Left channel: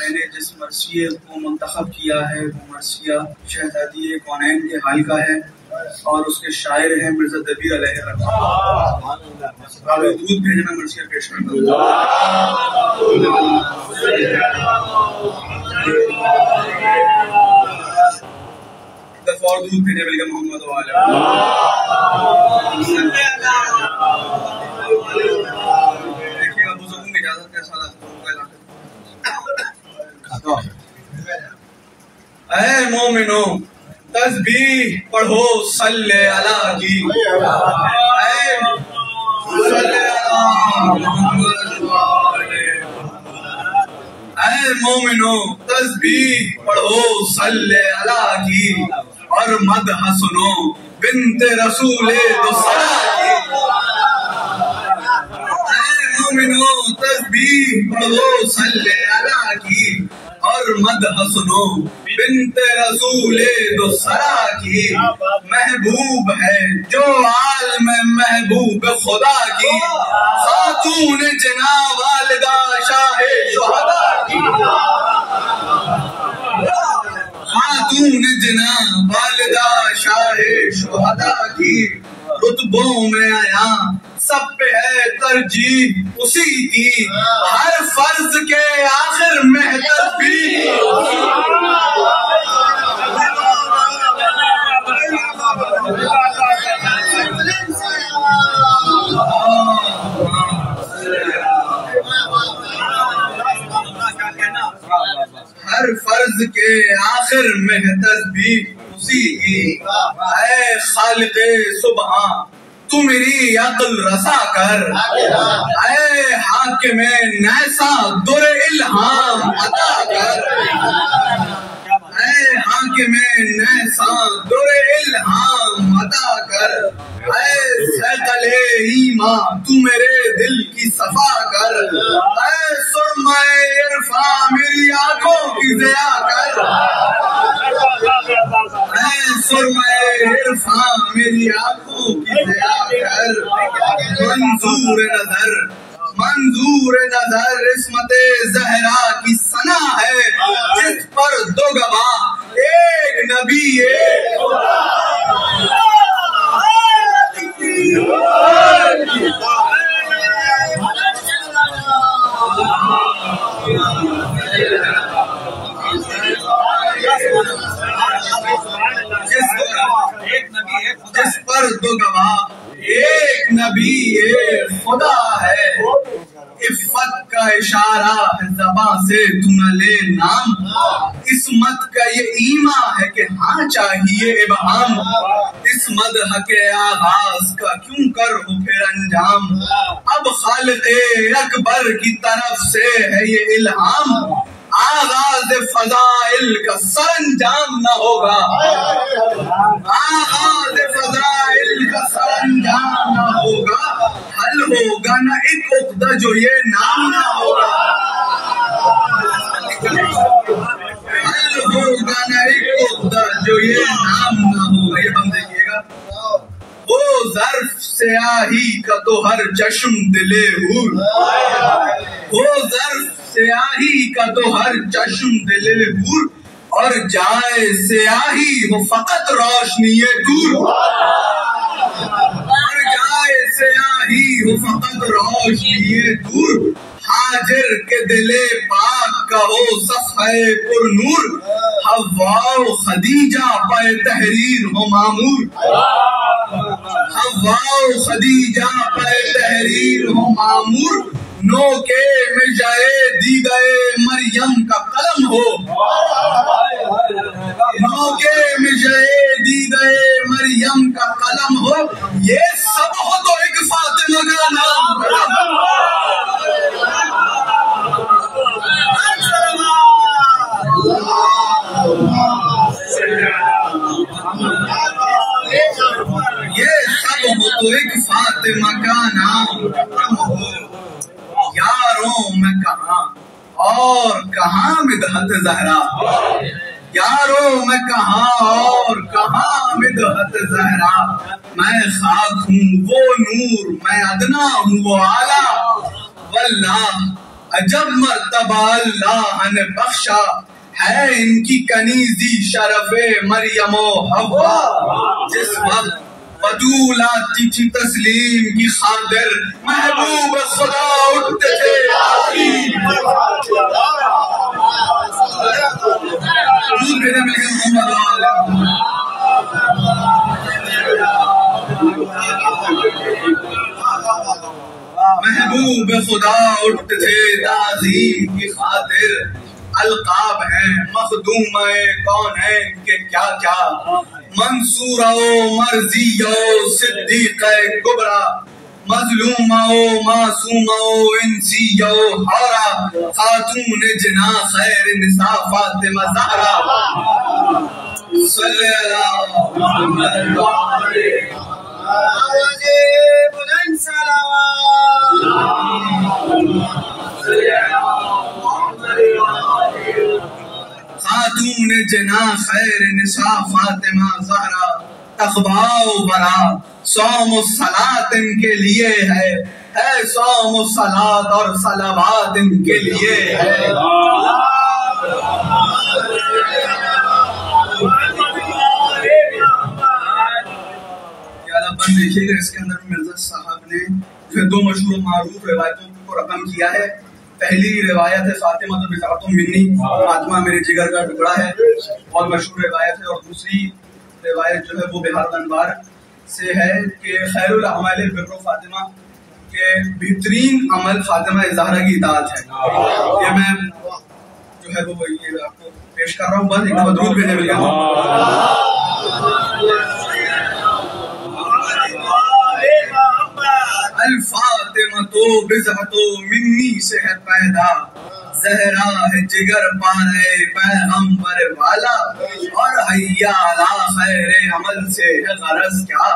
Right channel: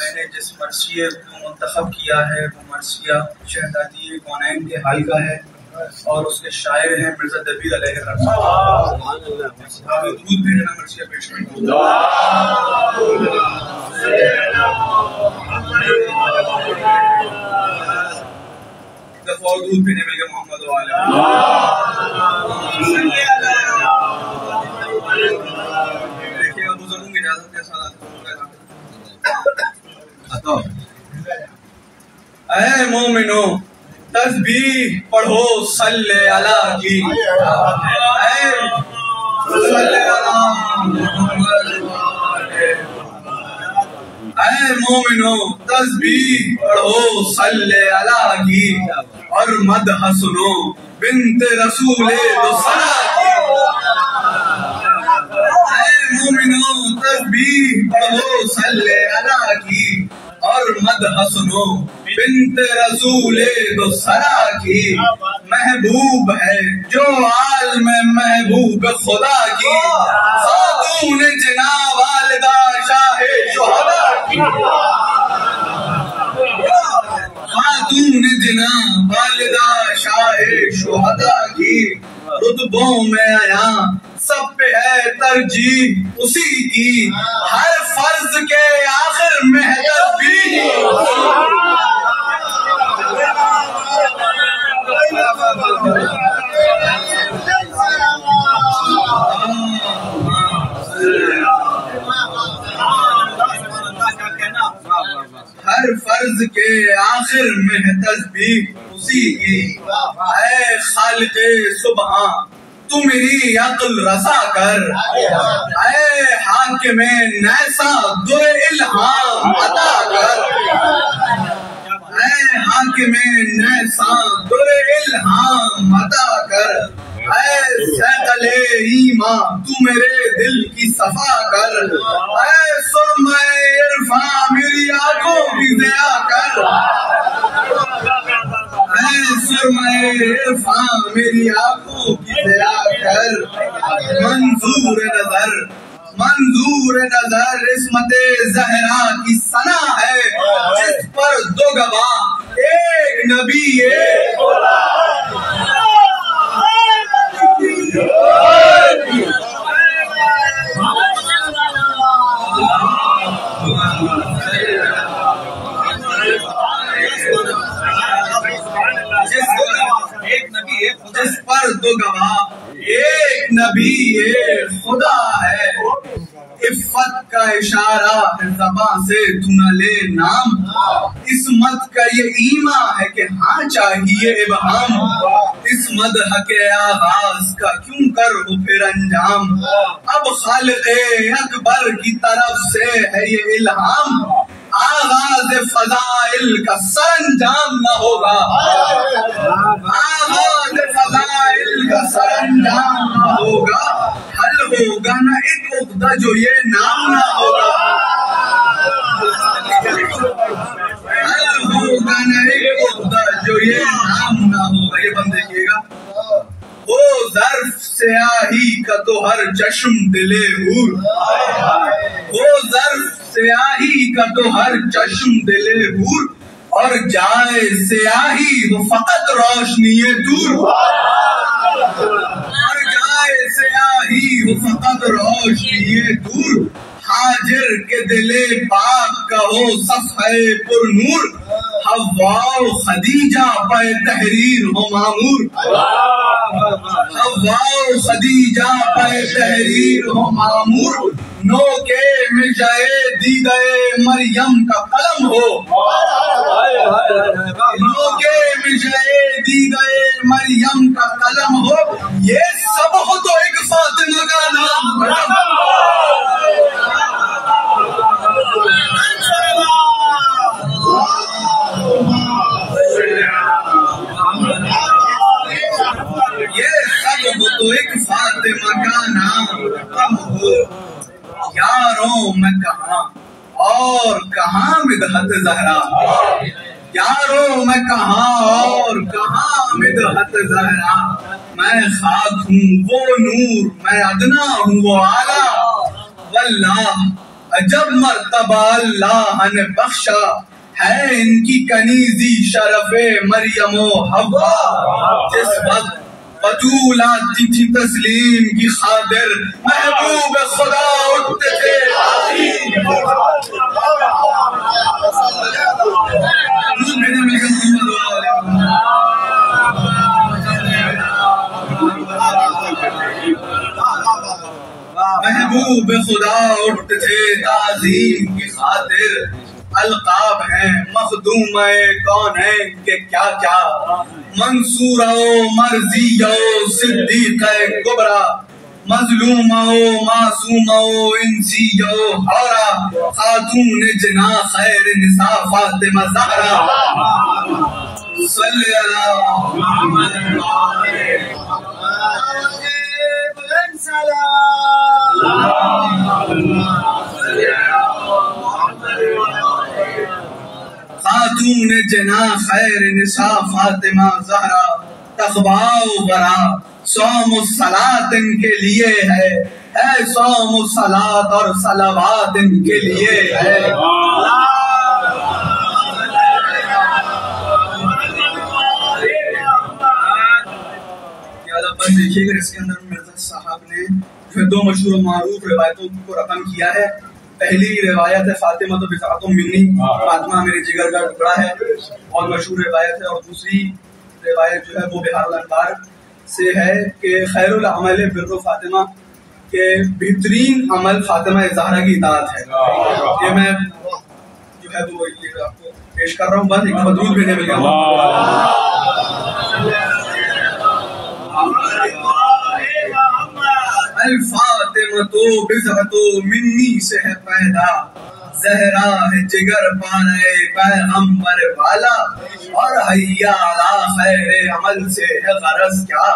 میں نے جس مرثیے کو منتخب کیا ہے وہ مرثیہ شہزادی کونین کے حال کا ہے اور اس کے شاعر ہیں مرزا دبیر علیہ الرحمہ. دودھ بھیجنا مرثیہ پیش کرنا. دفعہ دودھ بھیجنے بلکہ محمد والے دیکھیے گا بزرگوں کی اجازت کے ساتھ اے مومنو تسبیح پڑھو صلی اللہ کی. اے مومنو تسبیح پڑھو صلی اللہ کی اور مدح سنو بنت رسول دوسرا کی. اے مومنو تسبیح پڑھو صلی اللہ کی اور مدح سنو بنت رسول دوسرا کی. محبوب ہے جو عالم محبوب خدا کی. خاتون جنا والدہ شاہ شہدا کی. خاتون جنا والدہ شاہ شہدا کی. رتبوں میں آیا سب پہ ہے ترجیح اسی کی. ہر فرض کے آخر میں تسبیح. ہر فرض کے آخر میں تسبیح اسی کی. اے خالق سبحان تو میری عقل رسا کر. اے حاکم نیسا در الہام عطا کر. اے حاکم نیسا در الہام عطا کر. اے سیقل ایمان تو میرے دل کی صفا کر. اے سرمہ عرفاں میری آنکھوں کی ضیا کر. اے سرمہ عرفاں میری آنکھوں کی ضیا کر. منظور نظر عصمت زہرا کی ثنا ہے جس پر دو گواہ ایک نبی ایک خدا. جس پر دو گواہ ایک نبی ایک خدا ہے. عفت کا اشارہ زباں سے تو نہ لے نام. عصمت کا یہ ایما ہے کہ ہاں چاہیے ابہام. اس مدح کے آغاز کا کیوں کر ہو پھر انجام. اب خالق اکبر کی طرف سے ہے یہ الہام. آغاز فضائل کا سرانجام نہ ہوگا. آغاز فضائل کا سرانجام نہ ہوگا. حل ہوگا نہ ایک عقدہ جو یہ نام نہ ہوگا. حل ہوگا نہ ایک عقدہ جو یہ نام نہ ہوگا. یہ ہم دیکھیے گا. وہ ظرف سیاہی کا تو ہر چشم دلے حور. وہ ظرف سیاہی کا تو ہر چشم دلے حور. اور جائے سیاہی ہو فقط روشنی دور. اور جائے سیاہی ہو فقط روشنی دور. حاجر کے دلے پاک کا ہو صفحہ پر نور. حوا و خدیجہ پہ تحریر ہو معمور. حوا و خدیجہ پہ تحریر ہو معمور. نو کے مجھے دیدہ مریم کا قلم ہو. نو کے مجھے دیدہ مریم کا قلم ہو. یہ سب ہو تو ایک فاطمہ کا نام. یہ سب ہو تو ایک فاطمہ کا نام ہو. یاروں میں کہاں اور کہاں مدحت زہرا. یاروں میں کہاں اور کہاں مدحت زہرا. میں خاک ہوں وہ نور میں ادنا ہوں وہ اعلیٰ. واللہ عجب مرتبہ اللہ نے بخشا ہے ان کی کنیزی شرف مریم و حوا. جس وقت بطول آتی تھی تسلیم کی خاطر محبوب خدا اٹھتے تھے محبوب خدا اٹھتے تھے تعظیم کی خاطر. القاب ہیں مخدوم کونین کے کیا کیا منصور و مرضی و صدیق کبرا مظلوم و معصوم و انسی و حورا خاتون جنا خیر نساء فاطمہ زہرا صلی اللہ محمد خاتون جنا خیر نساء فاطمہ زہرا. تقویٰ و ورا صوم و صلاۃ ان کے لیے ہے صوم و صلاۃ اور صلوات ان کے لیے ہے. دیکھیے گا اس کے اندر مرزا صاحب نے جو دو مشہور و معروف روایتوں کو رقم کیا ہے. پہلی روایت ہے فاطمہ تو بضعۃ منی، فاطمہ میرے جگر کا ٹکڑا ہے، بہت مشہور روایت ہے. اور دوسری روایت جو ہے وہ بہار الانوار سے ہے کہ خیر العمل بر فاطمہ، کہ بہترین عمل فاطمہ زہرا کی اطاعت ہے. یہ میں جو ہے وہ یہ آپ کو پیش کر رہا ہوں، بس ایک مدرود بھیجنے مل گیا. الفاطمہ تو بضعۃ منی سے ہے پیدا، زہرا ہے جگر پارے پیغمبر والا، اور حیا علی خیر عمل سے ہے غرض کیا،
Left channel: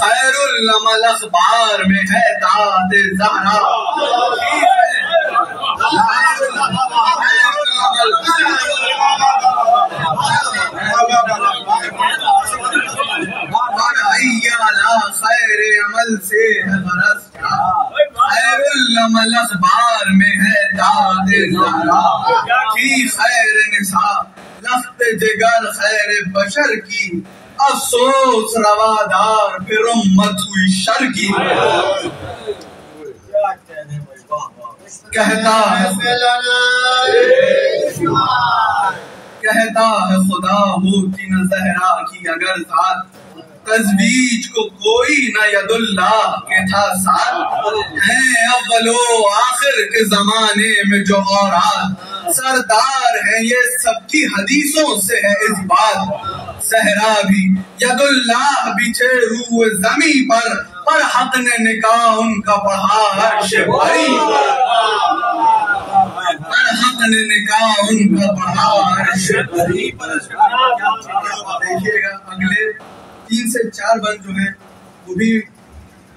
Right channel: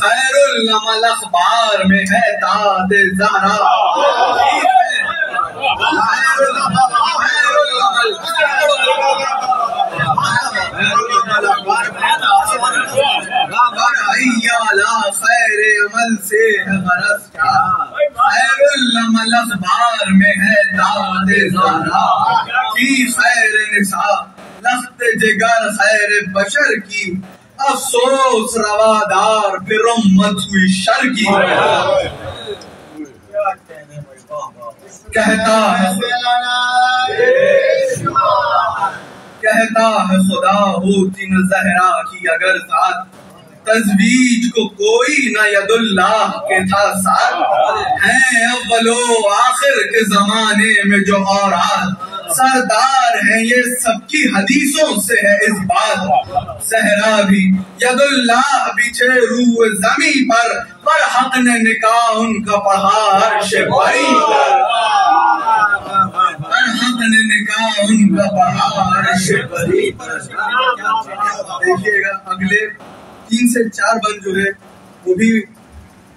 خیر العمل اخبار میں ہے داد زہرا. خیر عمل سے ہے غرض کیا، خیر العمل اخبار میں ہے داد زہرا. فی خیر نساء لخت جگر خیر بشر کی، افسوس روادار پھر امت ہوئی شر کی. کہتا ہے خدا ہوتی نہ زہرا کی اگر ذات، تزویج کو کوئی نہ ید اللہ کے تھا ساتھ. ہیں اول و آخر کے زمانے میں جو اورات، سردار ہیں یہ سب کی حدیثوں سے ہے اس بات. زہرا بھی ید اللہ بچھے روح زمیں پر حق نے نکاح ان کا پڑھا عرش بری پر، حق نے نکاح ان کا پڑھا عرش بری. دیکھیے گا اگلے 3 سے 4 بند جو ہے وہ بھی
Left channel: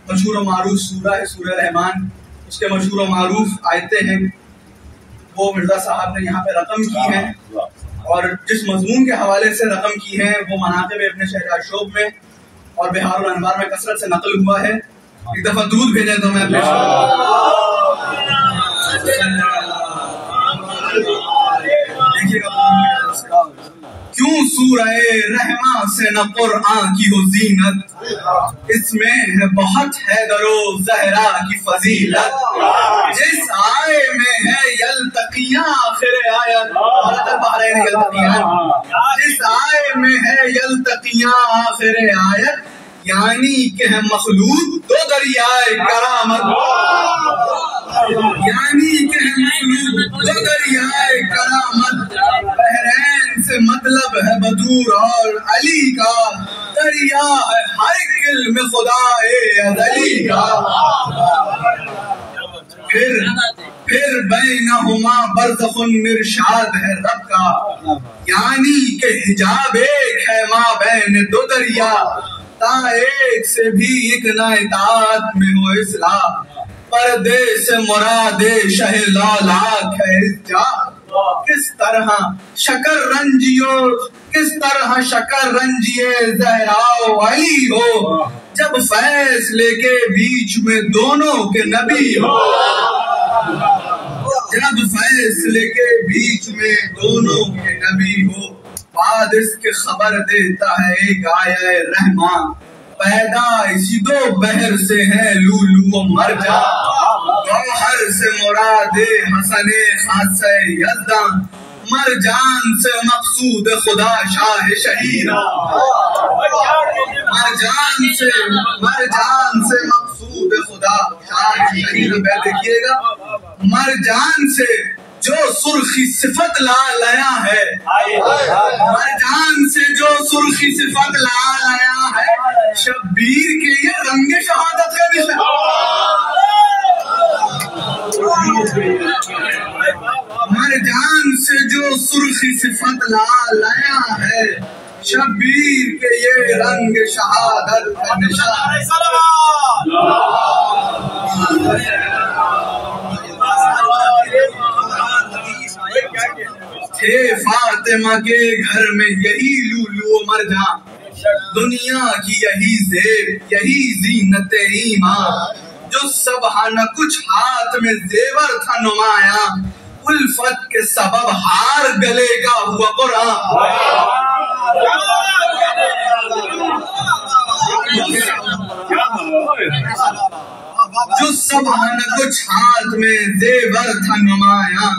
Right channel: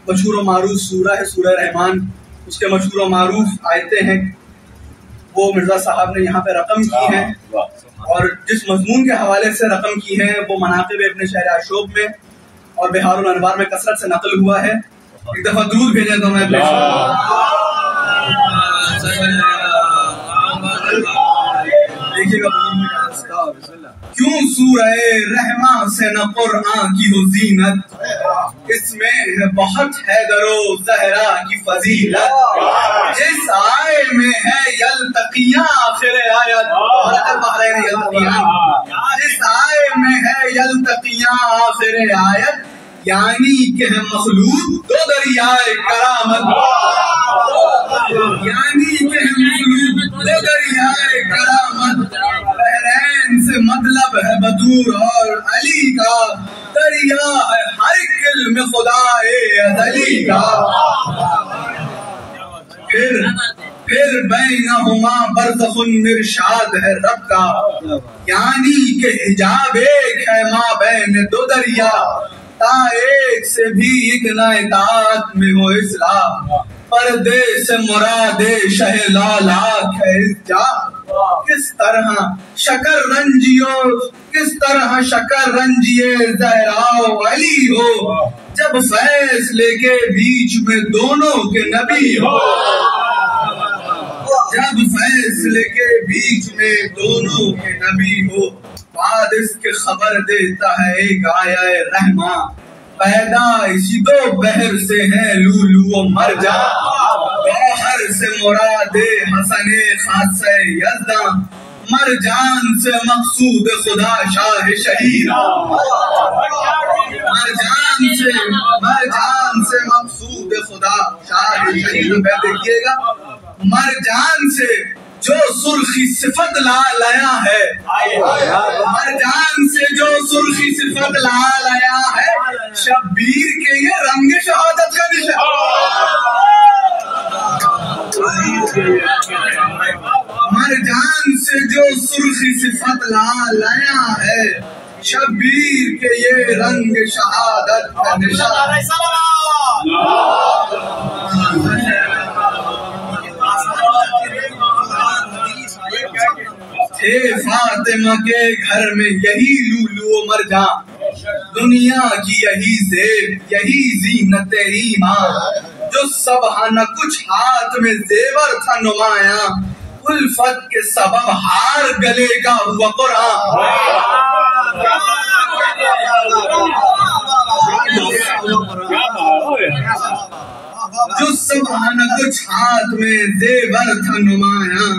مشہور و معروف سورہ ہے، سورہ رحمان. اس کے مشہور و معروف آیتیں ہیں، وہ مرزا صاحب نے یہاں پہ رقم کی ہیں، اور جس مضمون کے حوالے سے رقم کی ہے وہ مناقب ابن شہر عشوب میں اور بہار الانوار میں کثرت سے نقل ہوا ہے. ایک دفعہ درود بھیجیں تو میں دیکھیے گا. کیوں سورہ رحماں سے نہ قرآن کی ہو زینت، اس میں بہت حیدر و زہرا کی فضیلت. جس آئے میں ہے یلتقیاں آخر آیت، جس آئے میں ہے یلتقیاں آخر آیت، یعنی کہ ہے مخلوط دو دریائے کرامت، یعنی کہ ہے مخلوط دو دریائے کرامت. بحرین سے مطلب ہے بدور اور علی کا، دریا ہے ہر ایک علم خدا ازلی کا. پھر بینہما برزخ ارشاد ہے رب کا، یعنی کہ حجاب ایک ہے ماں بین دو دریا. تا ایک سے بھی ایک نہ اطاعت میں ہو اصلاح، پردے سے مراد شہ لالاک ہے جا. کس طرح شکر رنجیے زہرا و علی ہو، جب فیصلے کے بیچ میں دونوں کے نبی ہو. جب فیصلے کے بیچ میں دونوں کے نبی ہو، بعد اس کے خبر دیتا ہے ایک آیا رحماں، پیدا اسی دو بحر سے ہے لولو و مرجان، گوہر سے مراد حسن خاصہ یزداں، مرجان سے مقصود خدا شاہ شہیر، مرجان سے مقصود خدا شاہ شہیر پہ دیکھیے گا، مرجان سے جو سرخی صفت لا لیا ہے، مرجان سے جو سرخی صفت لا لیا ہے، شبیر کے یہ رنگ شہادت کا نشان، مرجان سے جو سرخی صفت لا لیا ہے، شبیر کے یہ رنگ شہادت کا نشان، تھے فاطمہ کے گھر میں یہی لولو و مرجان، دنیا کی یہی زیب یہی زینت ایمان، جو سب نہ کچھ ہاتھ میں زیور تھا نمایاں، الفت کے سبب ہار گلے کا ہوا قرآن، جو سب نہ کچھ ہاتھ میں زیور تھا نمایاں،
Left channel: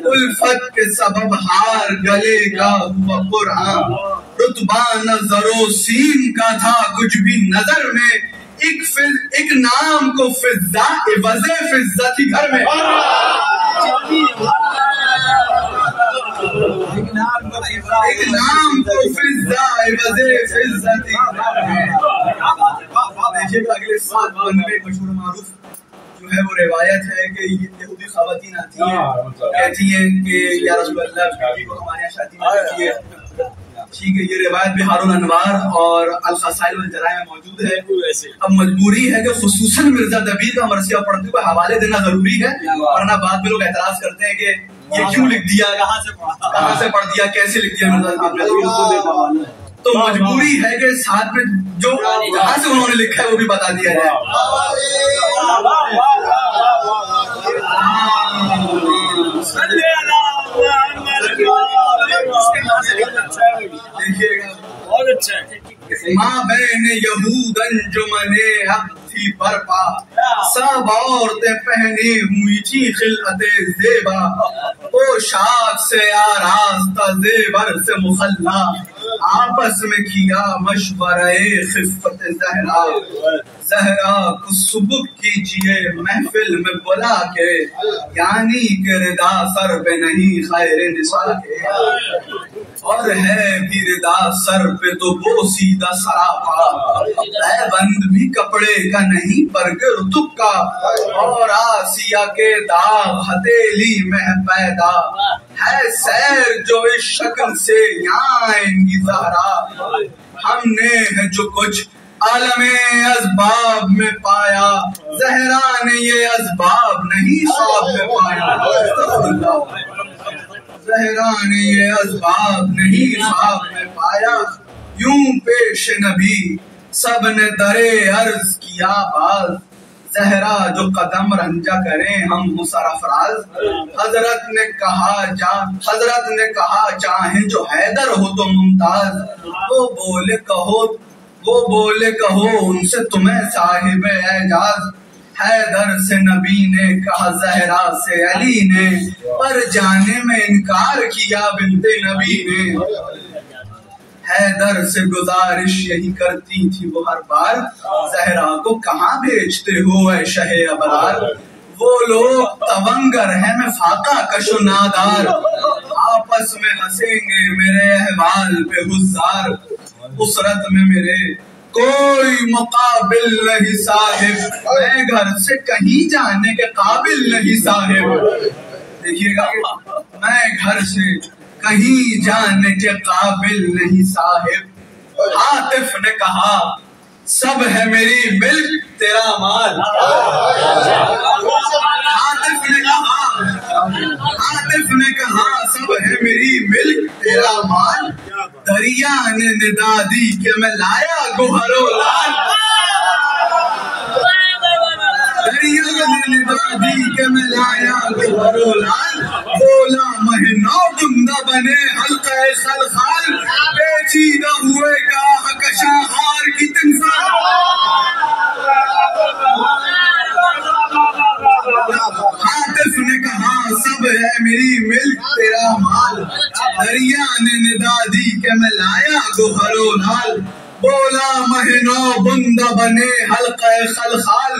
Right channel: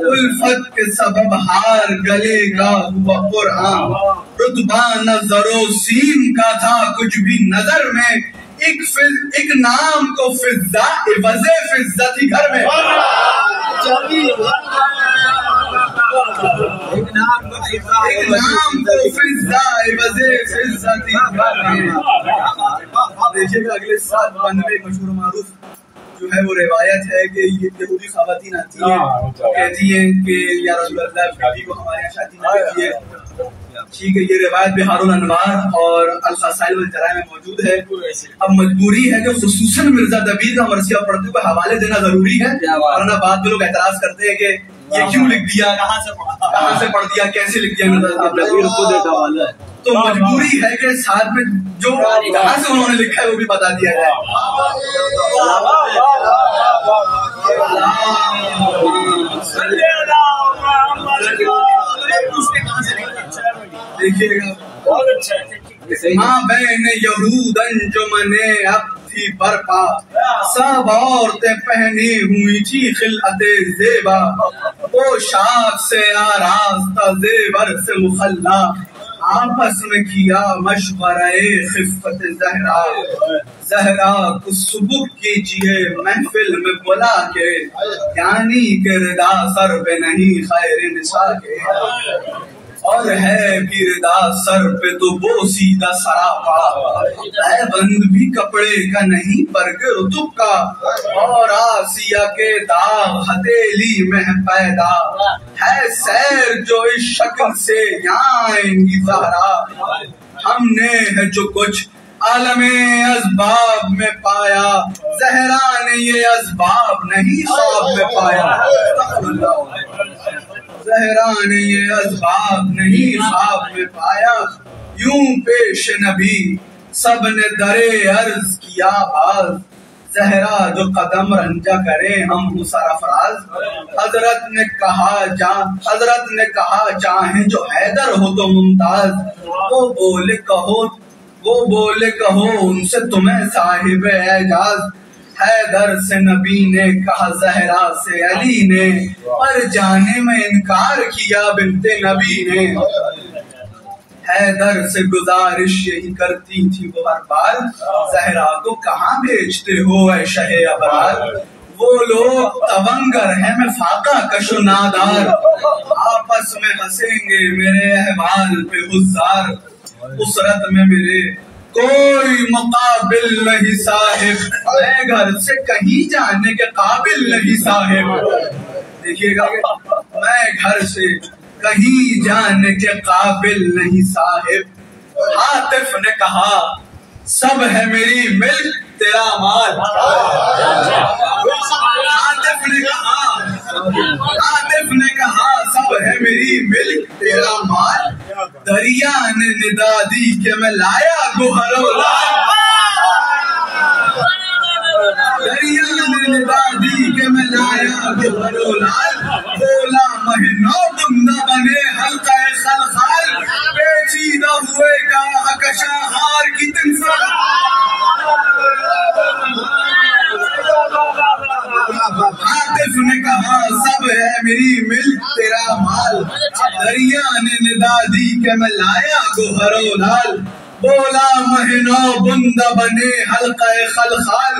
الفت کے سبب ہار گلے کا ہوا قرآن، رتبہ نظر و سین کا تھا کچھ بھی نظر میں، ایک نام کو فضا عوض فضا تھی گھر میں، ایک نام کو فضا عوض فضا تھی گھر میں۔ دیکھیے گا اگلے 7 بند میں مشہور معروف جو ہے وہ روایت ہے کہ یہودی خواتین آتی ہیں، کہتی ہیں کہ یا رسول اللہ بیوی کو ہمارے یہاں شادی نہ کیجیے، ٹھیک ہے، یہ روایت بحار الانوار اور الخصائل والجرائم میں موجود ہے۔ اب مجبوری ہے کہ خصوصاً مرزا دبیر کا مرثیہ پڑھتے ہوئے حوالے دینا ضروری ہے، ورنہ بعد میں لوگ اعتراض کرتے ہیں کہ یہ کیوں لکھ دیا، کہاں سے پڑھ دیا، کیسے لکھ دیا مرزا دبیر، تو مجبوری ہے کہ ساتھ میں جو جہاں سے انہوں نے لکھا ہے وہ بھی بتا دیا جائے۔ دیکھیے گا بہت اچھا ہے، ماں بہن یہود انجمن اب تھی برپا، سب عورتیں پہنی ہوئی تھی خلعت زیبا، پوشاک سے آراستہ زیور سے مخلا، آپس میں کیا مشورہ خفت زہرا، زہرا کو سبک کیجئے محفل میں بلا کے، یعنی کہ ردا سر پہ نہیں خیر نساء کے، اور ہے بھی ردا سر پہ تو وہ سیدھا سراپا، ہے بند بھی کپڑے کا نہیں برگ رتب کا، اور آسیہ کے داغ ہتیلی میں پیدا، ہے سیر جو اس شکل سے یہاں آئیں گی زہرا، ہم نے ہے جو کچھ عالم اسباب میں پایا، زہرا نے یہ اسباب نہیں خواب میں پایا، زہرا نے یہ اسباب نہیں خواب میں پایا، یوں پیش نبی سب نے درے عرض کیا باز، زہرا جو قدم رنجا کریں ہم مسر افراز، حضرت نے کہا چاہیں جو حیدر ہو تو ممتاز، وہ بولے کہو ان سے تمہیں صاحب اعجاز، حیدر سے نبی نے کہا زہرا سے علی نے، پر جانے میں انکار کیا بنت نبی نے، حیدر سے گزارش یہی کرتی تھی وہ ہر بار، زہرا کو کہاں بھیجتے ہو اے شہ ابرار، وہ لوگ تونگر ہیں میں فاقہ کش و نادار، آپس میں ہنسیں گے میرے احوال پہ حزار، اسرت میں میرے کوئی مقابل نہیں صاحب، میں گھر سے کہیں جانے کے قابل نہیں صاحب، دیکھیے گا میں گھر سے کہیں جانے کے قابل نہیں صاحب، عاطف نے کہا سب ہے میری ملک تیرا مال، عاطف نے کہا سب ہے میری ملک تیرا مال، دریا نے ندا دی کہ میں لایا گوہر و لال، دریا نے ندا دی کہ میں لایا گوہر و لال، بولا مہینوں بندہ بنے حلقہ خلخال، پیچیدہ ہوئے کا کشاں ہار کی تمثال۔ عاطف نے کہا سب ہے میری ملک تیرا مال، دریا نے ندا دی کہ میں لایا گوہر و لال، بولا مہینوں بندہ بنے حلقہ خلخال،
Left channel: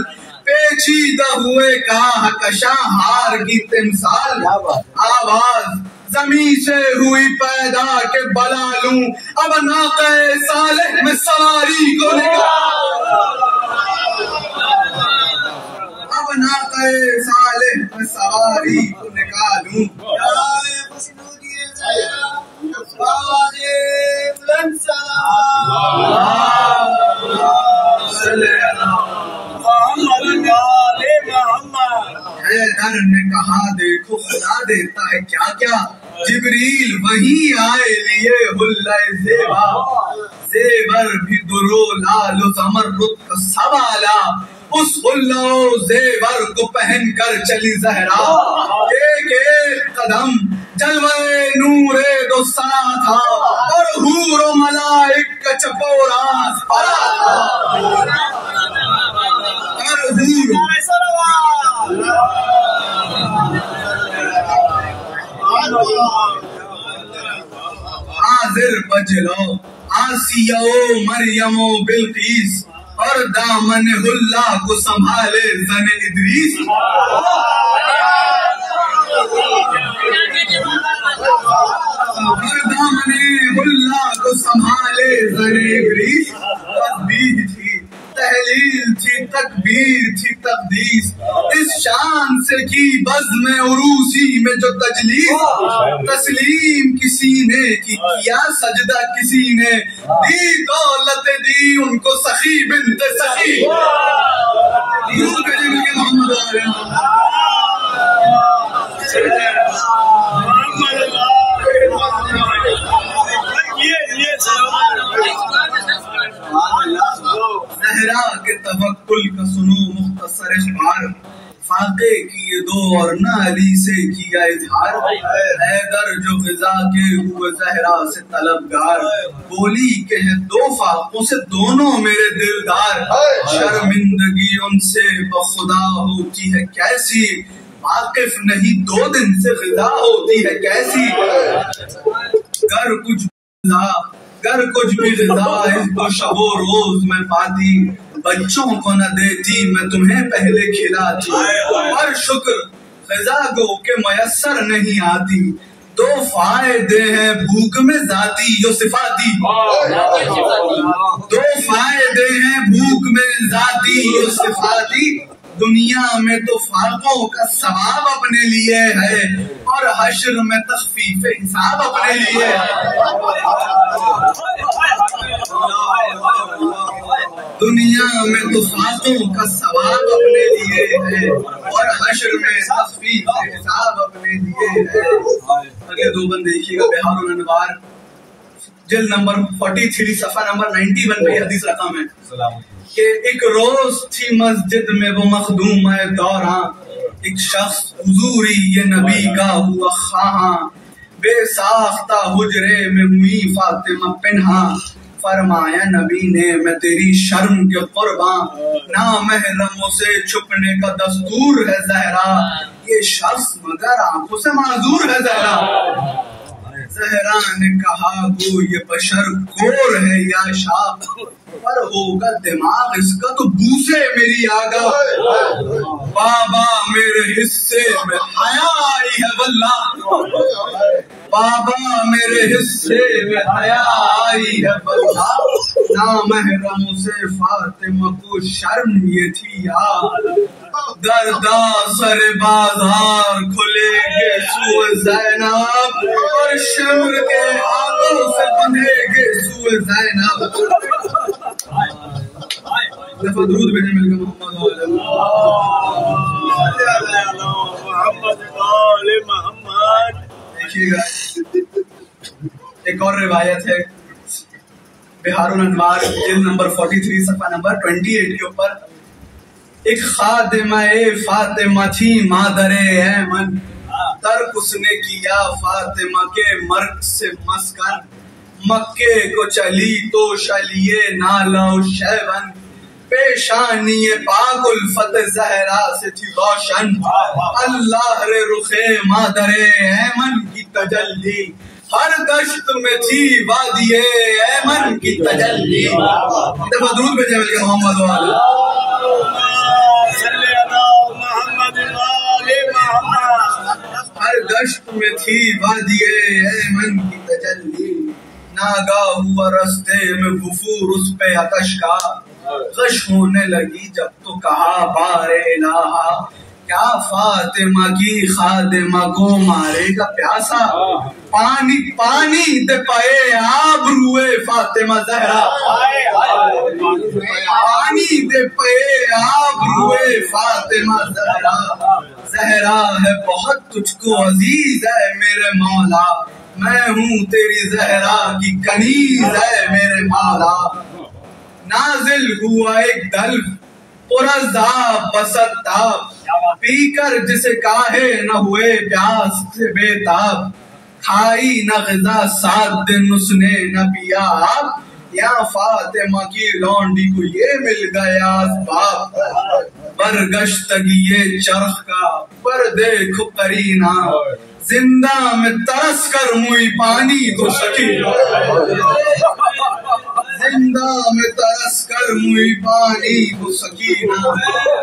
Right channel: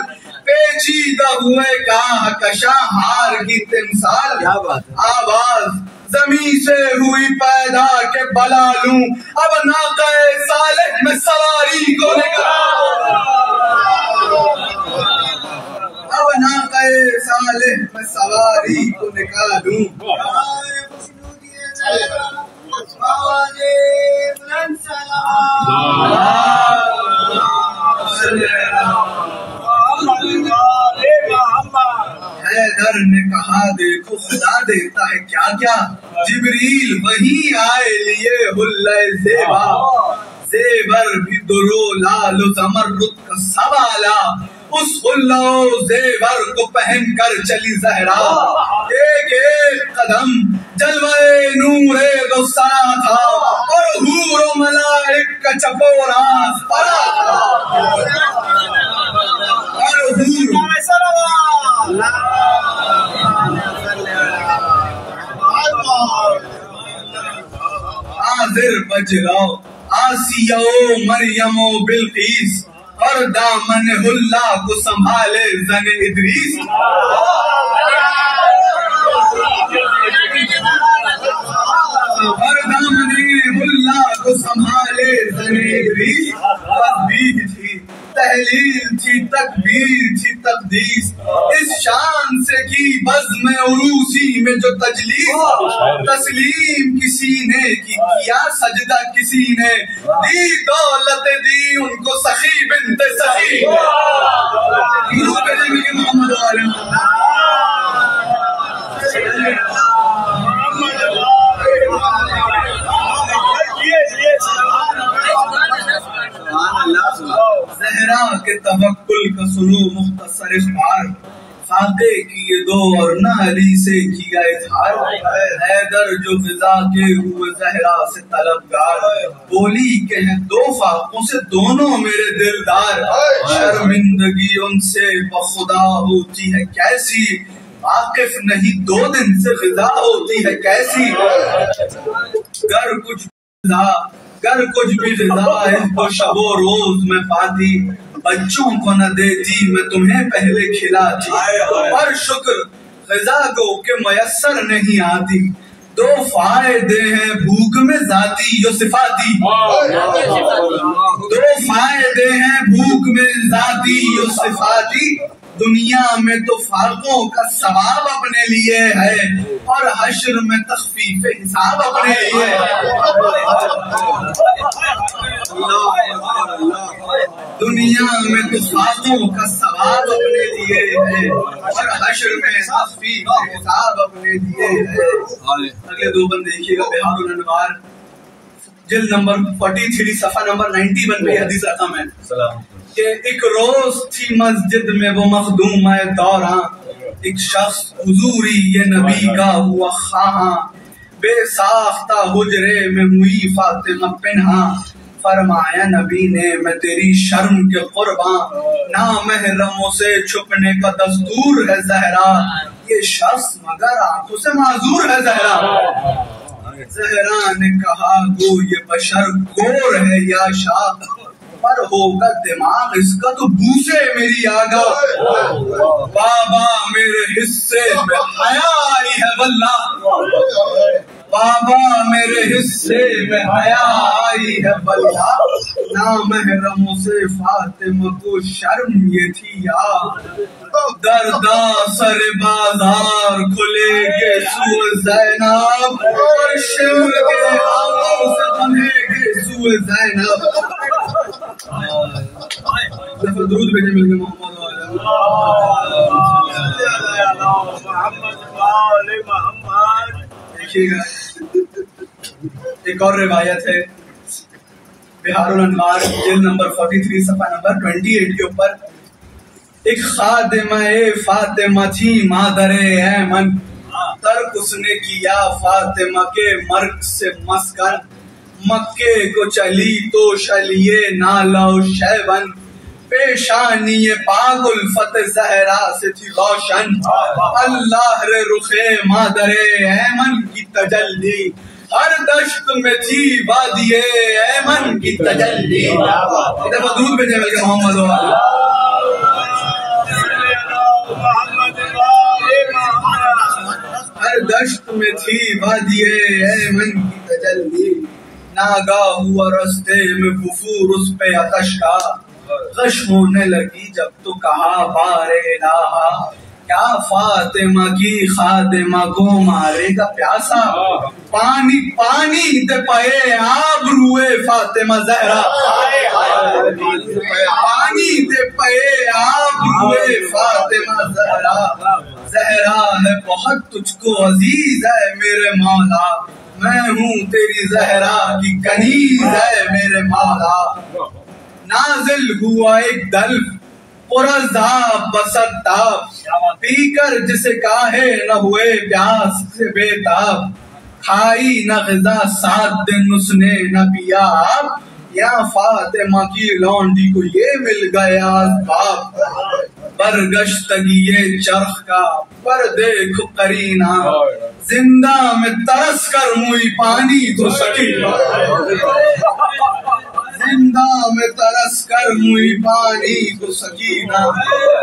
پیچیدہ ہوئے کاہ کشاں ہار کی تمثال۔ آواز زمین سے ہوئی پیدا کہ بلا لوں اب ناقہ صالح میں سواری کو نکال، اب ناقہ صالح میں سواری کو نکالوں۔ حیدر نے کہا دیکھو خدا دیتا ہے کیا کیا، جبریل وہی آئے لیے حلہ زیبا، زیور بھی درو لال و زمرد کا سوالا، اس حلہ و زیور کو پہن کر چلی زہرا، ایک ایک قدم جلوہ نور دو سرا تھا، اور حور و ملائک کا چپو راس پرا تھا، اور حور حاضر بجلاؤ آسیہ و مریم و بلقیس، اور دامن اللہ کو سنبھالے زن ادریس، اور دامن اللہ کو سنبھالے زن ادریس۔ تسبیح تھی تحلیل تھی تکبیر تھی تقدیس، اس شان سے کی بزم عروسی میں جو تجلیس، تسلیم کسی نے کیا سجدہ کسی نے، دی دولت دی ان کو سخی بنت سخی۔ محمد زہرا کے توکل کا سنو مختصر اخبار، فاقے کیے دو اور نہ علی سے کیا اظہار، حیدر جو غذا کے ہوئے زہرا سے طلبگار، بولی کہ ہیں دو فاقوں سے دونوں میرے دلدار، شرمندگی ان سے بخدا ہوتی ہے کیسی، واقف نہیں دو دن سے غذا ہوتی ہے کیسی، گر کچھ بھی غذا اس کو شب و روز میں پاتی، بچوں کو نہ دیتی میں تمہیں پہلے کھلاتی، اور شکر غذا کو کہ میسر نہیں آتی، دو فائدے ہیں بھوک میں ذاتی و صفاتی، دو فائدے ہیں بھوک میں ذاتی و صفاتی، دنیا میں تو فاقوں کا ثواب اپنے لیے ہے، اور حشر میں تخفیف حساب اپنے لیے ہے، دنیا میں تو فاقوں کا ثواب اپنے لیے ہے، اور حشر میں تخفیف حساب اپنے لیے ہے۔ اگلے دو بند دیکھیے گا، بہار الانوار جلد نمبر 43 صفحہ نمبر 91 پہ حدیث رقم ہے کہ ایک روز تھی مسجد میں وہ مخدوم دوراں، ایک شخص حضوری یہ نبی کا ہوا خواہاں، بے ساختہ حجرے میں ہوئی فاطمہ پنہاں، فرمایا نبی نے میں تیری شرم کے قرباں، نامحرموں سے چھپنے کا دستور ہے زہرا، یہ شخص مگر آنکھوں سے معذور ہے زہرا۔ زہرا نے کہا گو یہ بشر گور ہے یا شاہ، پر ہوگا دماغ اس کا تو بوسے میری آگاہ، بابا میرے حصے میں حیا آئی ہے واللہ، بابا میرے حصے میں حیا آئی ہے واللہ، نامحرموں سے فاطمہ کو شرم یہ تھی یاد، دردا سر بازار کھلے گے سوئے زینب، اور شمر کے ہاتھوں سے بندھے گے سوئے زینب۔ دفعہ درود بھیجے مل گئے محمد دیکھیے گا۔ ایک اور روایت ہے بہار الانوار جلد نمبر 43 صفحہ نمبر 28 کے اوپر، ایک خادمہ فاطمہ تھی مادر ایمن، ترک اس نے کیا فاطمہ کے مرگ سے مسکن، مکے کو چلی تو شلیے نالا و شیون، پیشانی پاک الفت زہرا سے تھی روشن، اللہ رے رخ مادر ایمن کی تجلی، ہر دشت میں تھی وادی ایمن کی تجلی۔ ایک دفعہ درود بھیجے بلکہ محمد والا، ہر دشت میں تھی وادی ایمن کی تجلی، ناگاہ ہوا رستے میں وفور اس پہ آتش کا، غش ہونے لگی جب تو کہا بار الہا، کیا فاطمہ کی خادمہ کو مارے گا پیاسا، پانی پانی دے پائے آب روئے فاطمہ زہرا، پانی دے پائے آب روئے فاطمہ زہرا، زہرا ہے بہت تجھ کو عزیز ہے میرے مولا، میں ہوں تیری زہرا کی کنیز ہے میرے مولا۔ نازل ہوا ایک دلو پرعذاب بسطاب، پی کر جسے کاہے نہ ہوئے پیاس سے بے تاب، کھائی نہ غذا 7 دن اس نے نہ پیا آب، یا فاطمہ کی لونڈی کو یہ مل گیا اسباب، برگشتگی چرخ کا پر دیکھ قرینہ، زندہ میں ترس کر ہوئی پانی تو سکینہ، زندہ میں ترس کر ہوئی پانی کو سکینہ۔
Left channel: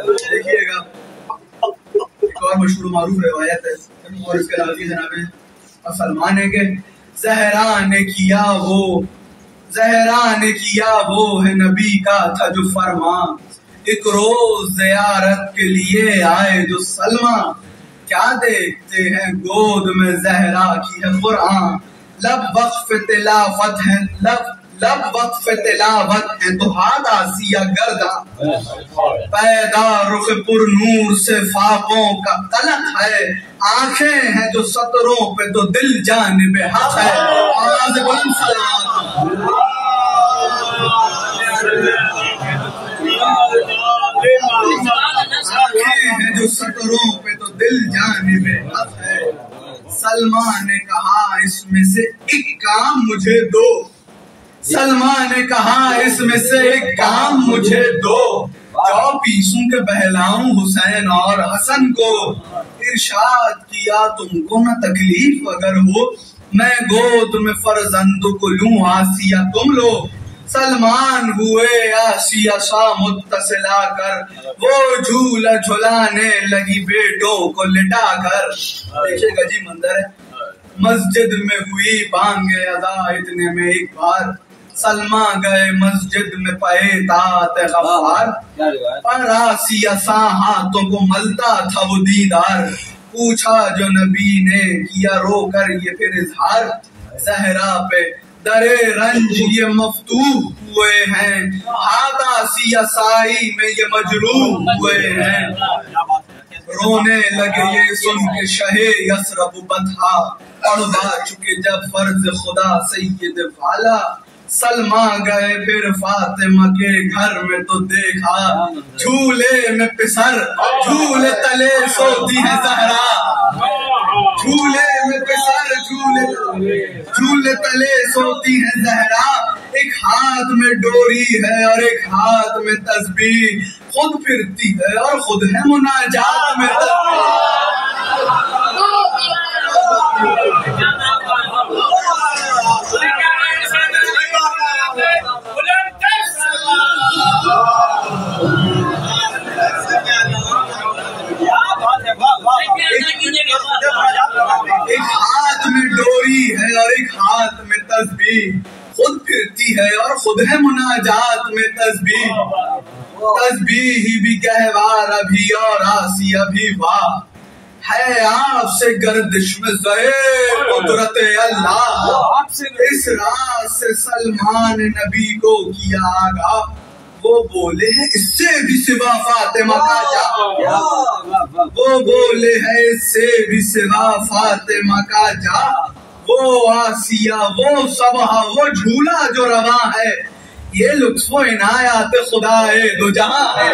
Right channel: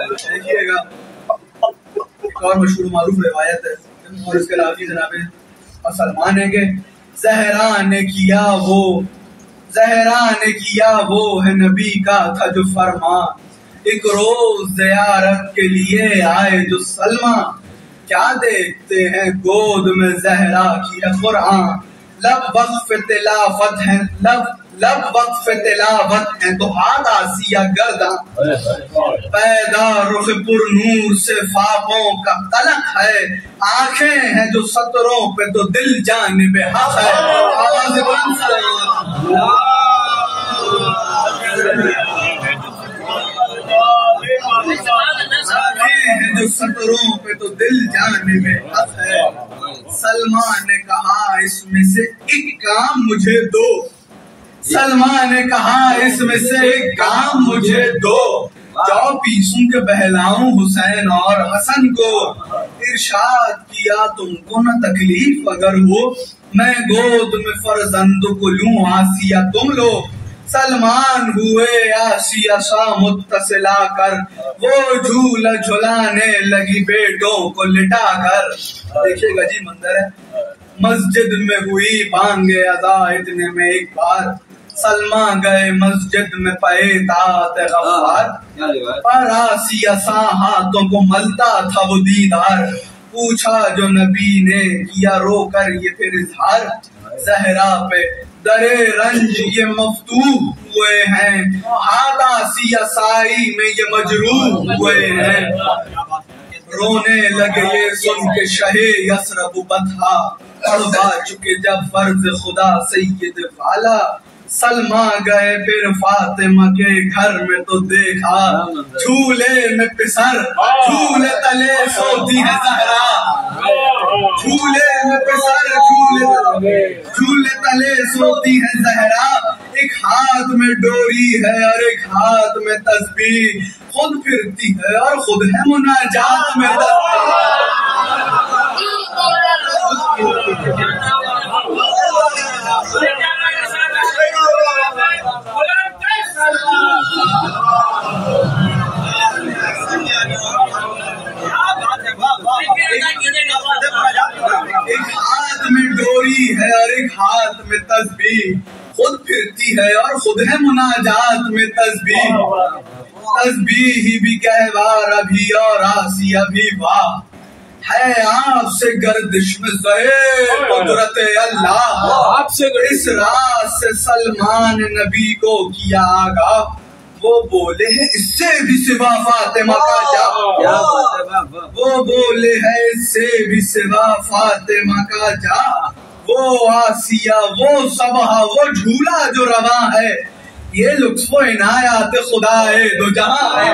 دیکھیے گا ایک اور مشہور معروف روایت ہے اور اس کے راوی جناب سلمان ہے کہ زہرا نے کیا وہ ہے نبی کا تھا جو فرمان، ایک روز زیارت کے لیے آئے جو سلمان، کیا دیکھتے ہیں گود میں زہرا کی ہے قرآن، لب وقف تلاوت ہیں تو ہاتھ آسیہ گرداں، پیدا رخ پر نور سے فاقوں کا قلق ہے، آنکھیں ہیں جو سطروں پہ تو دل جانب حق ہے، آواز بلند صلوات جو سطروں پہ تو دل جانب حق ہے۔ سلمان نے کہا اس میں سے ایک کام مجھے دو، سلمان نے کہا اس میں سے ایک کام مجھے دو، 24 کے بہلاؤں حسین اور حسن کو، ارشاد کیا تم کو نہ تکلیف اگر ہو، میں گود میں فرزند کو لوں آسیہ تم لو، سلمان ہوئے آسیہ سا متصلا کر، وہ جھولا جھلانے لگی بیٹوں کو لٹا کر۔ دیکھیے گا جی منظر ہے، مسجد میں ہوئی بانگ اذا اتنے میں ایک بار، سلمہ گئے مسجد میں پائے طاعت غفار، پر آسیہ سا ہاتھوں کو ملتا تھا وہ دیدار، پوچھا جو نبی نے کیا رو کر یہ پھر اظہار، زہرا پہ درے رنج یہ مفتوح ہوئے ہیں، ہاتھ آسیہ سائی میں یہ مجروح ہوئے ہیں، رونے لگے یہ سن کے شہ یثرب بطحا، پڑھوا چکے جب فرض خدا سید والا، سلمہ گئے پھر فاطمہ کے گھر میں تو دیکھا، جھولے میں پسر جھولے تلے سوتی ہے زہرا، جھولے میں پسر جھولے تلے سوتی ہے زہرا، ایک ہاتھ میں ڈوری ہے اور ایک ہاتھ میں تسبیح، خود پھرتی ہے اور خود ہے مناجات میں ایک ہاتھ میں ڈوری ہے اور ایک ہاتھ میں تسبیح، خود پھرتی ہے اور خود ہے مناجات میں تسبیح، تسبیح بھی گہوار ابھی اور آسیہ بھی واہ، ہے آپ سے گردش میں زہر قدرت اللہ، اس راز سے سلمان نبی کو کیا آگاہ، وہ بولے ہیں اس سے بھی سوا فاطمہ کا جا، وہ بولے ہیں اس سے بھی سوا فاطمہ کا جا، وہ آسیہ وہ صبح وہ جھولا جو رواں ہے، یہ لطف و عنایات خدا دو جہاں ہے،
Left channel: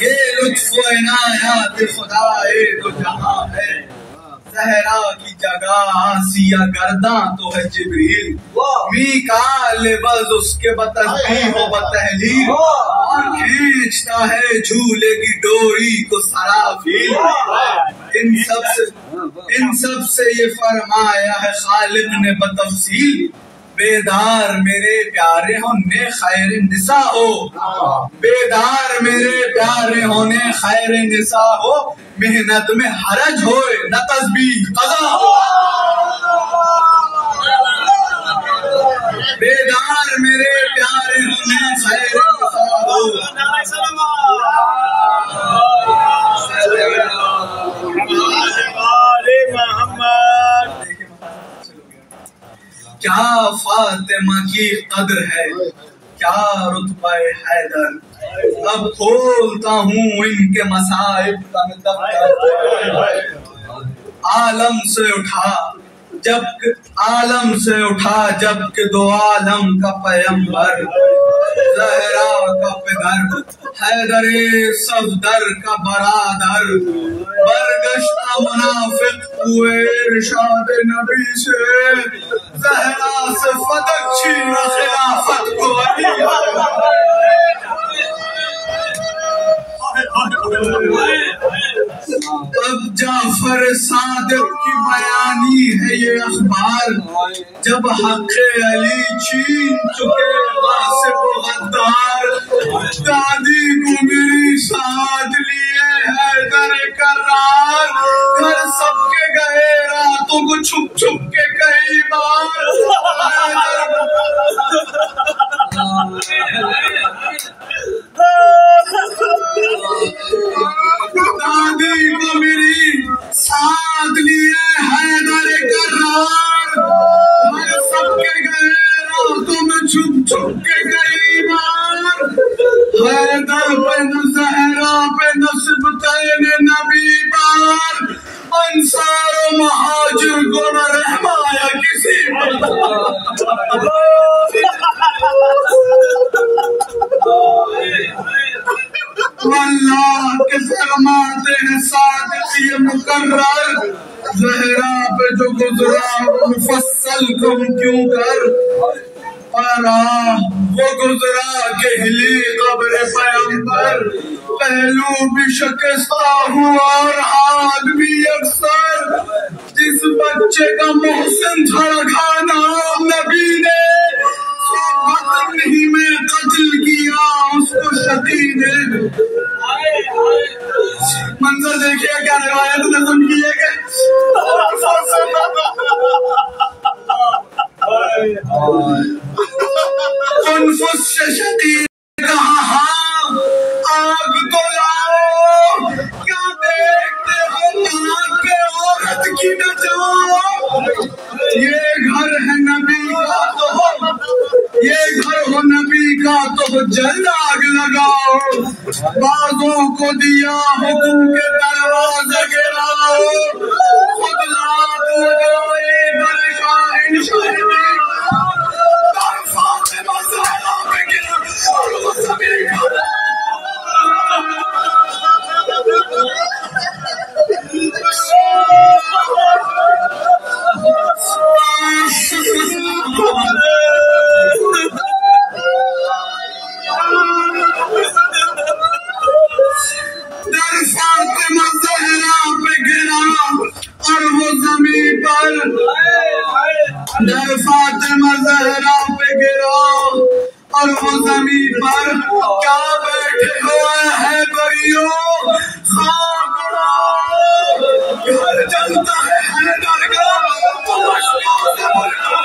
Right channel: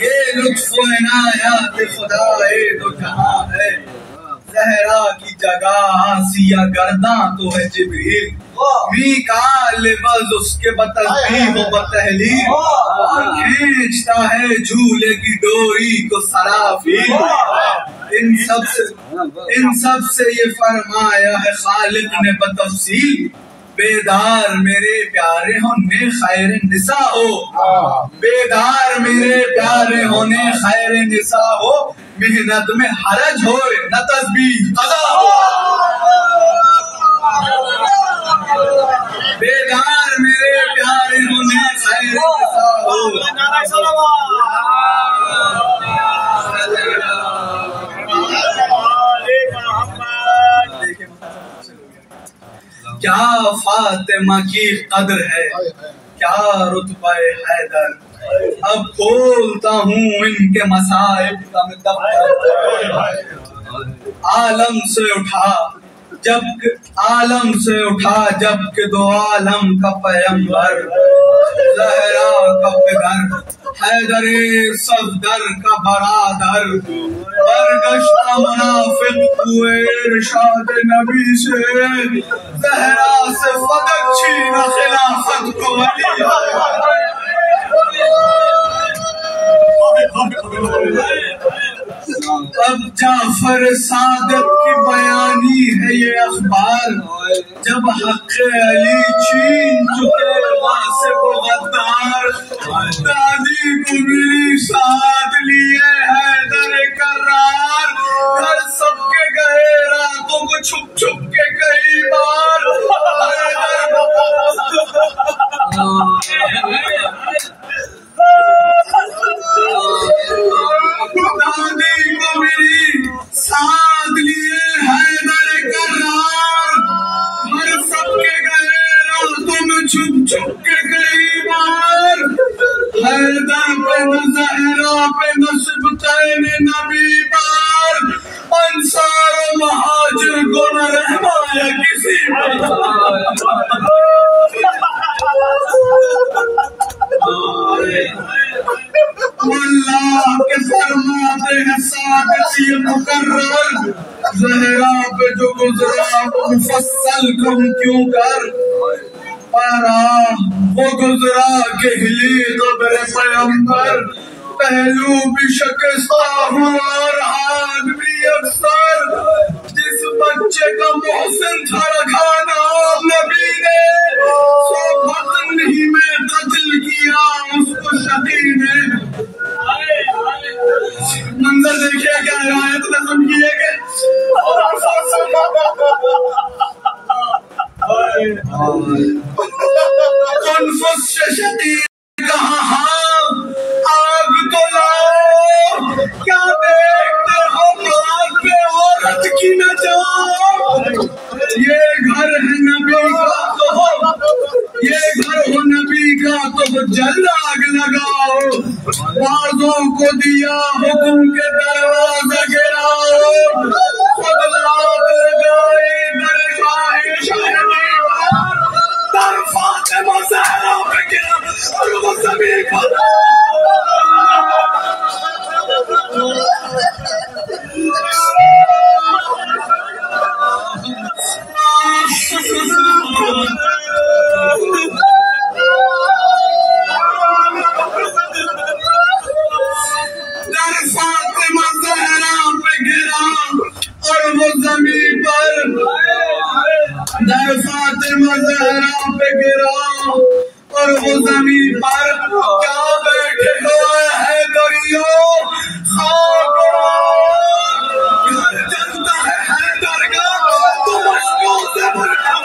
یہ لطف و عنایات خدا دو جہاں ہے، زہرا کی جگہ آسیہ گرداں تو ہے جبریل، میکائیل بز اس کے بتسبیح و بتحلیل، اور کھینچتا ہے جھولے کی ڈوری کو سرافیل۔ ان سب سے یہ فرمایا ہے خالق نے بتفصیل، بیدار میرے پیارے ہونے خیر نساء ہو، بیدار میرے پیارے ہونے خیر نساء ہو، محنت میں حرج ہوئے نہ تسبیح قضا ہو، بیدار میرے پیارے ہونے خیر نساء ہو۔ کیا فاطمہ کی قدر ہے، کیا رتبہ حیدر، اب کھولتا ہوں ان کے مصائب کا میں دفتر، عالم سے اٹھا جب کہ دو عالم کا پیمبر، زہرا کا پدر حیدر صفدر کا برادر، برگشتہ منافق ہوئے ارشاد نبی سے، زہرا سے فدق چھین خلافت کو ولی۔ اب جعفر صادق کی بیانی ہے یہ اخبار، جب حق علی چھین چکے غاصب و غدار، دادی کو میری ساتھ لیے حیدر کرار، گھر سب کے گئے راتوں کو چھپ چھپ کے کئی بار، دادی کو میری ساتھ لیے حیدر کرار، ہر سب کے گئے راتوں میں چھپ چھپ کے کئی بار، حیدر پہ نہ زہرا پہ نہ سبطین نبی بار، انصار و مہاجر کو نہ رحمایا کسی پر، اللہ کے فرماتے ہیں صادق یہ مقرر، زہرا پہ جو گزرا وہ مفصل کم کیوں کر، وہ گزرا کہ ہلی قبر پیمبر، پہلو بھی شکستہ ہوا اور ہاتھ بھی اکثر، جس بچے کا محسن تھا رکھا نام نبی نے، سو بطن ہی میں قتل کیا اس کو شقی نے۔ منظر دیکھئے کیا روایت نظم کیے گئے، کنفس سے شقی کہا ہاں آگ تو لاؤ، کیا دیکھتے ہو آگ پہ عورت کی نہ جاؤ، یہ گھر ہے نبی کا تو ہو، یہ گھر ہو نبی کا تو ہو جلد آگ لگاؤ، بازوں کو دیا حکم کے دروازے گراؤ، خود لات لگائی در شاہن شاہدی در فاطمہ زہرا پہ گرا اور وہ زمین پر در فاطمہ زہرا پہ گرا اور وہ زمین پر، در فاطمہ زہرا پہ گرا اور وہ زمین پر، کیا بیٹھے ہوا ہے دریو خاک گھر جلتا ہے حیدر کا تو مشکو سے بلکہ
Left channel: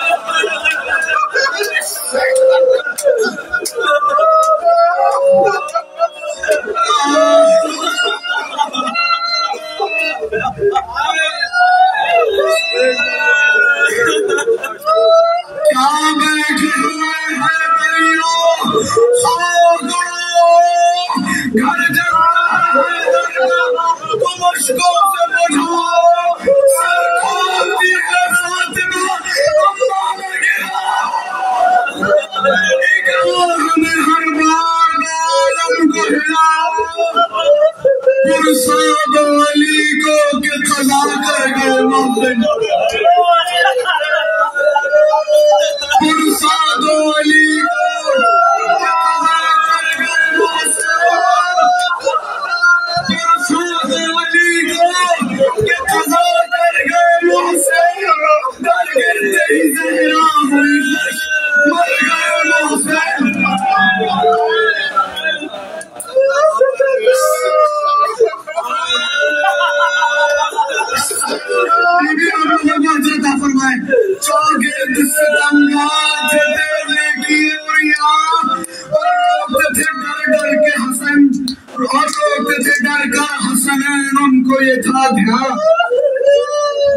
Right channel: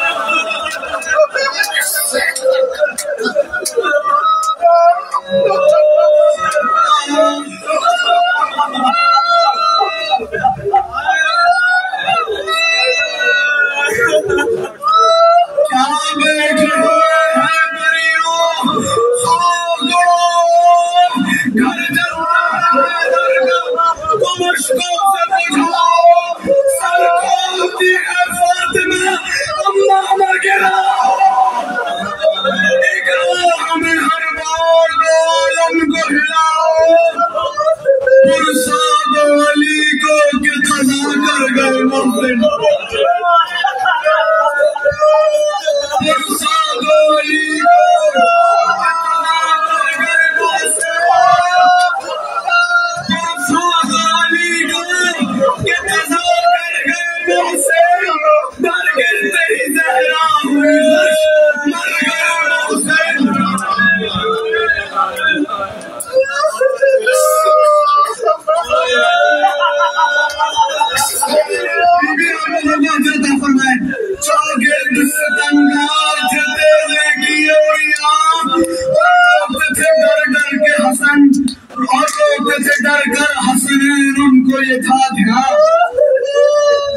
کیا بیٹھے ہوئے ہیں دریو خاک گھر جلتا ہے حیدر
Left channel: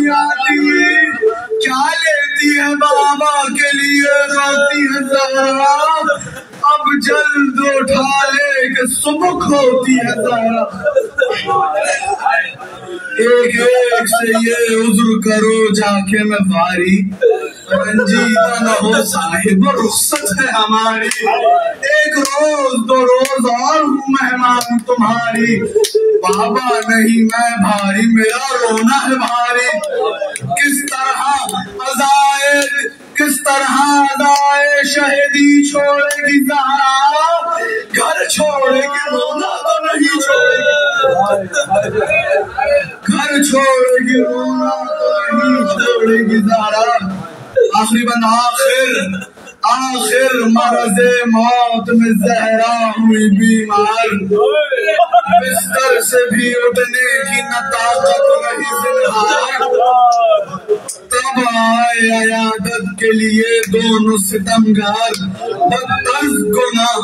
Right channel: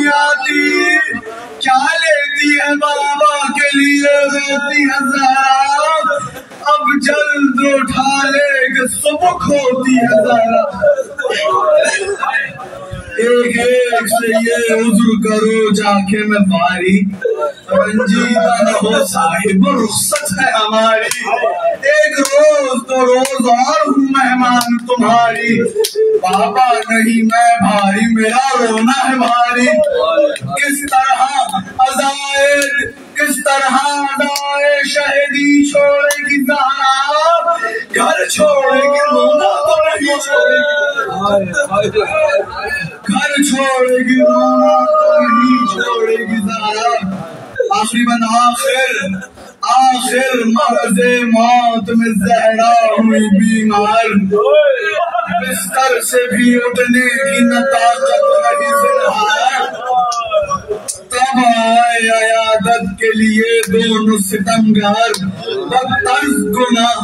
نہیں آتی، کیا لیتی ہے بابا کے لیے روتی ہے زہرا، اب جلد اٹھا لے کہ صبح ہوتی ہے زہرا۔ ایک ایک سے یہ عذر کرو جا کے میں باری، رنجیدہ نہ ہو صاحب رخصت ہے ہماری، ایک روز دو روز اور ہوں مہمان تمہاری، بابا نہیں میں بھاری میرا رونا ہے بھاری، کس طرح ادائے شہدی چھوڑے گی زہرا، گھر چھوڑے گی رونا تو نہیں چھوڑے گی، گھر چھوڑے گی رونا تو نہیں چھوڑے گی زہرا۔ آخری بند آخر مرض موت میں زہرا ہوئی بیمار، بستر سے بھی اٹھنے کی نہ طاقت رہی زنہار، تب آئے عیادت کے لیے دونوں ستمگار، بدطرز گناہ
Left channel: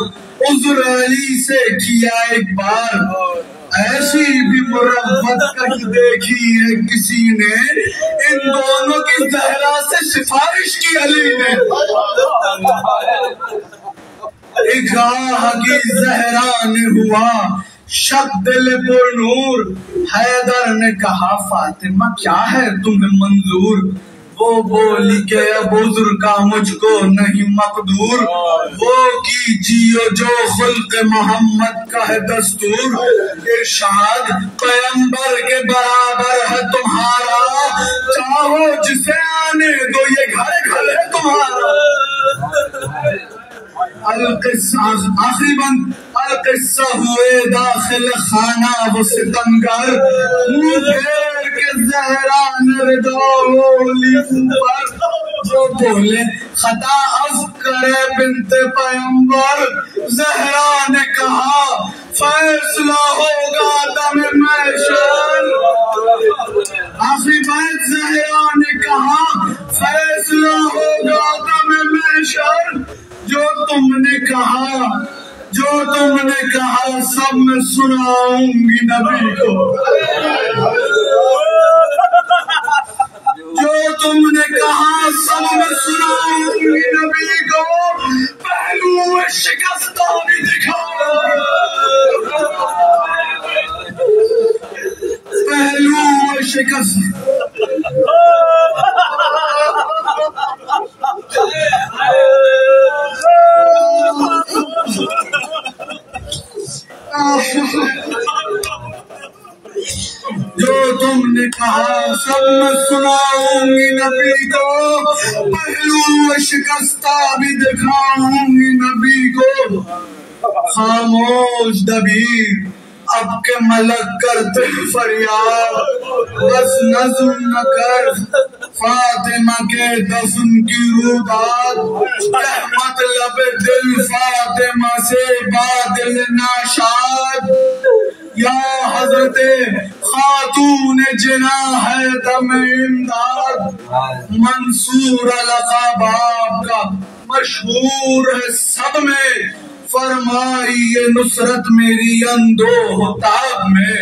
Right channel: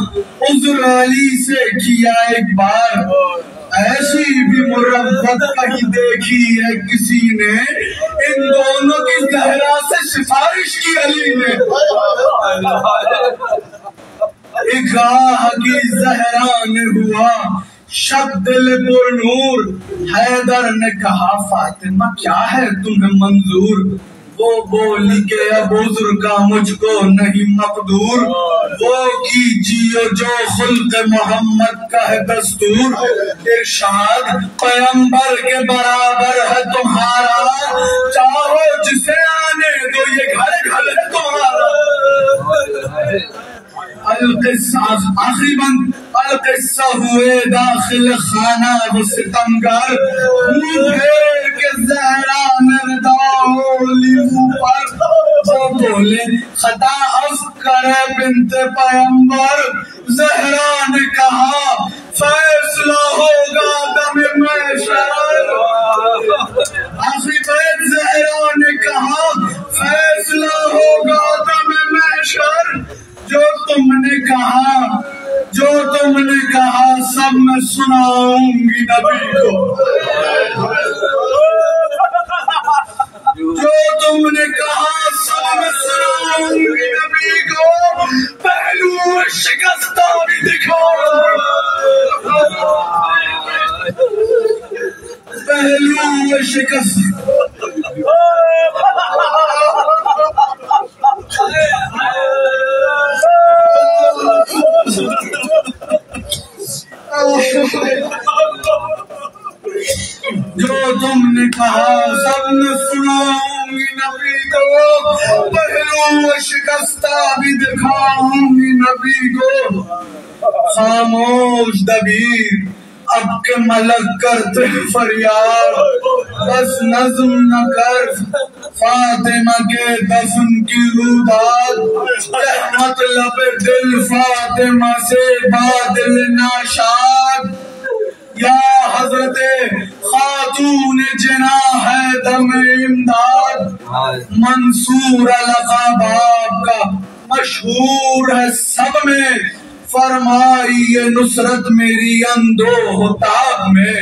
عذر علی سے کیا ایک بار، ایسی بھی مروت کہیں دیکھی ہے کسی نے، ان دونوں کی زہرا سے سفارش کی علی نے، اگاہ کی زہرا نے ہوا شب دل پر نور، حیدر نے کہا فاطمہ کیا ہے تمہیں منظور، وہ بولی کہ اب عذر کا مجھ کو نہیں مقدور، وہ کیجیے جو خلق محمد کا ہے دستور، ارشاد پیغمبر کے برابر ہے تمہارا، چاہو جسے آنے دو یہ گھر گھر ہے تمہارا۔ آخری بند القصہ ہوئے داخل خانہ وہ ستمگر، منہ پھیر کے زہرا نے ردا لی اوپر، وہ بولے خطا عفو کرے بنت پیغمبر، زہرا نے کہا فیصلہ ہوگا دم محشر، آخری بیت زہرا نے کہا فیصلہ ہوگا دم محشر، جو تم نے کہا سب میں سناؤں گی نبی کو، جو تم نے کہا سب میں سناؤں گی نبی کو، پہلو شکستہ بھی دکھاؤں پہلو شکست جو تم نے کہا سب میں سناؤں گی نبی کو، پہلو شکستہ بھی دکھاؤں گی نبی کو، خاموش دبیر اب کے ملک کرتے فریاد، بس نظم نہ کر فاطمہ کے دفن کی روداد، مطلب دل فاطمہ سے بادل ناشاد، یا حضرت خاتون جناح ہے دم امداد، منصور لقب آپ کا مشہور ہے سب میں، فرمائی یہ نصرت میری اندوہ تاب میں،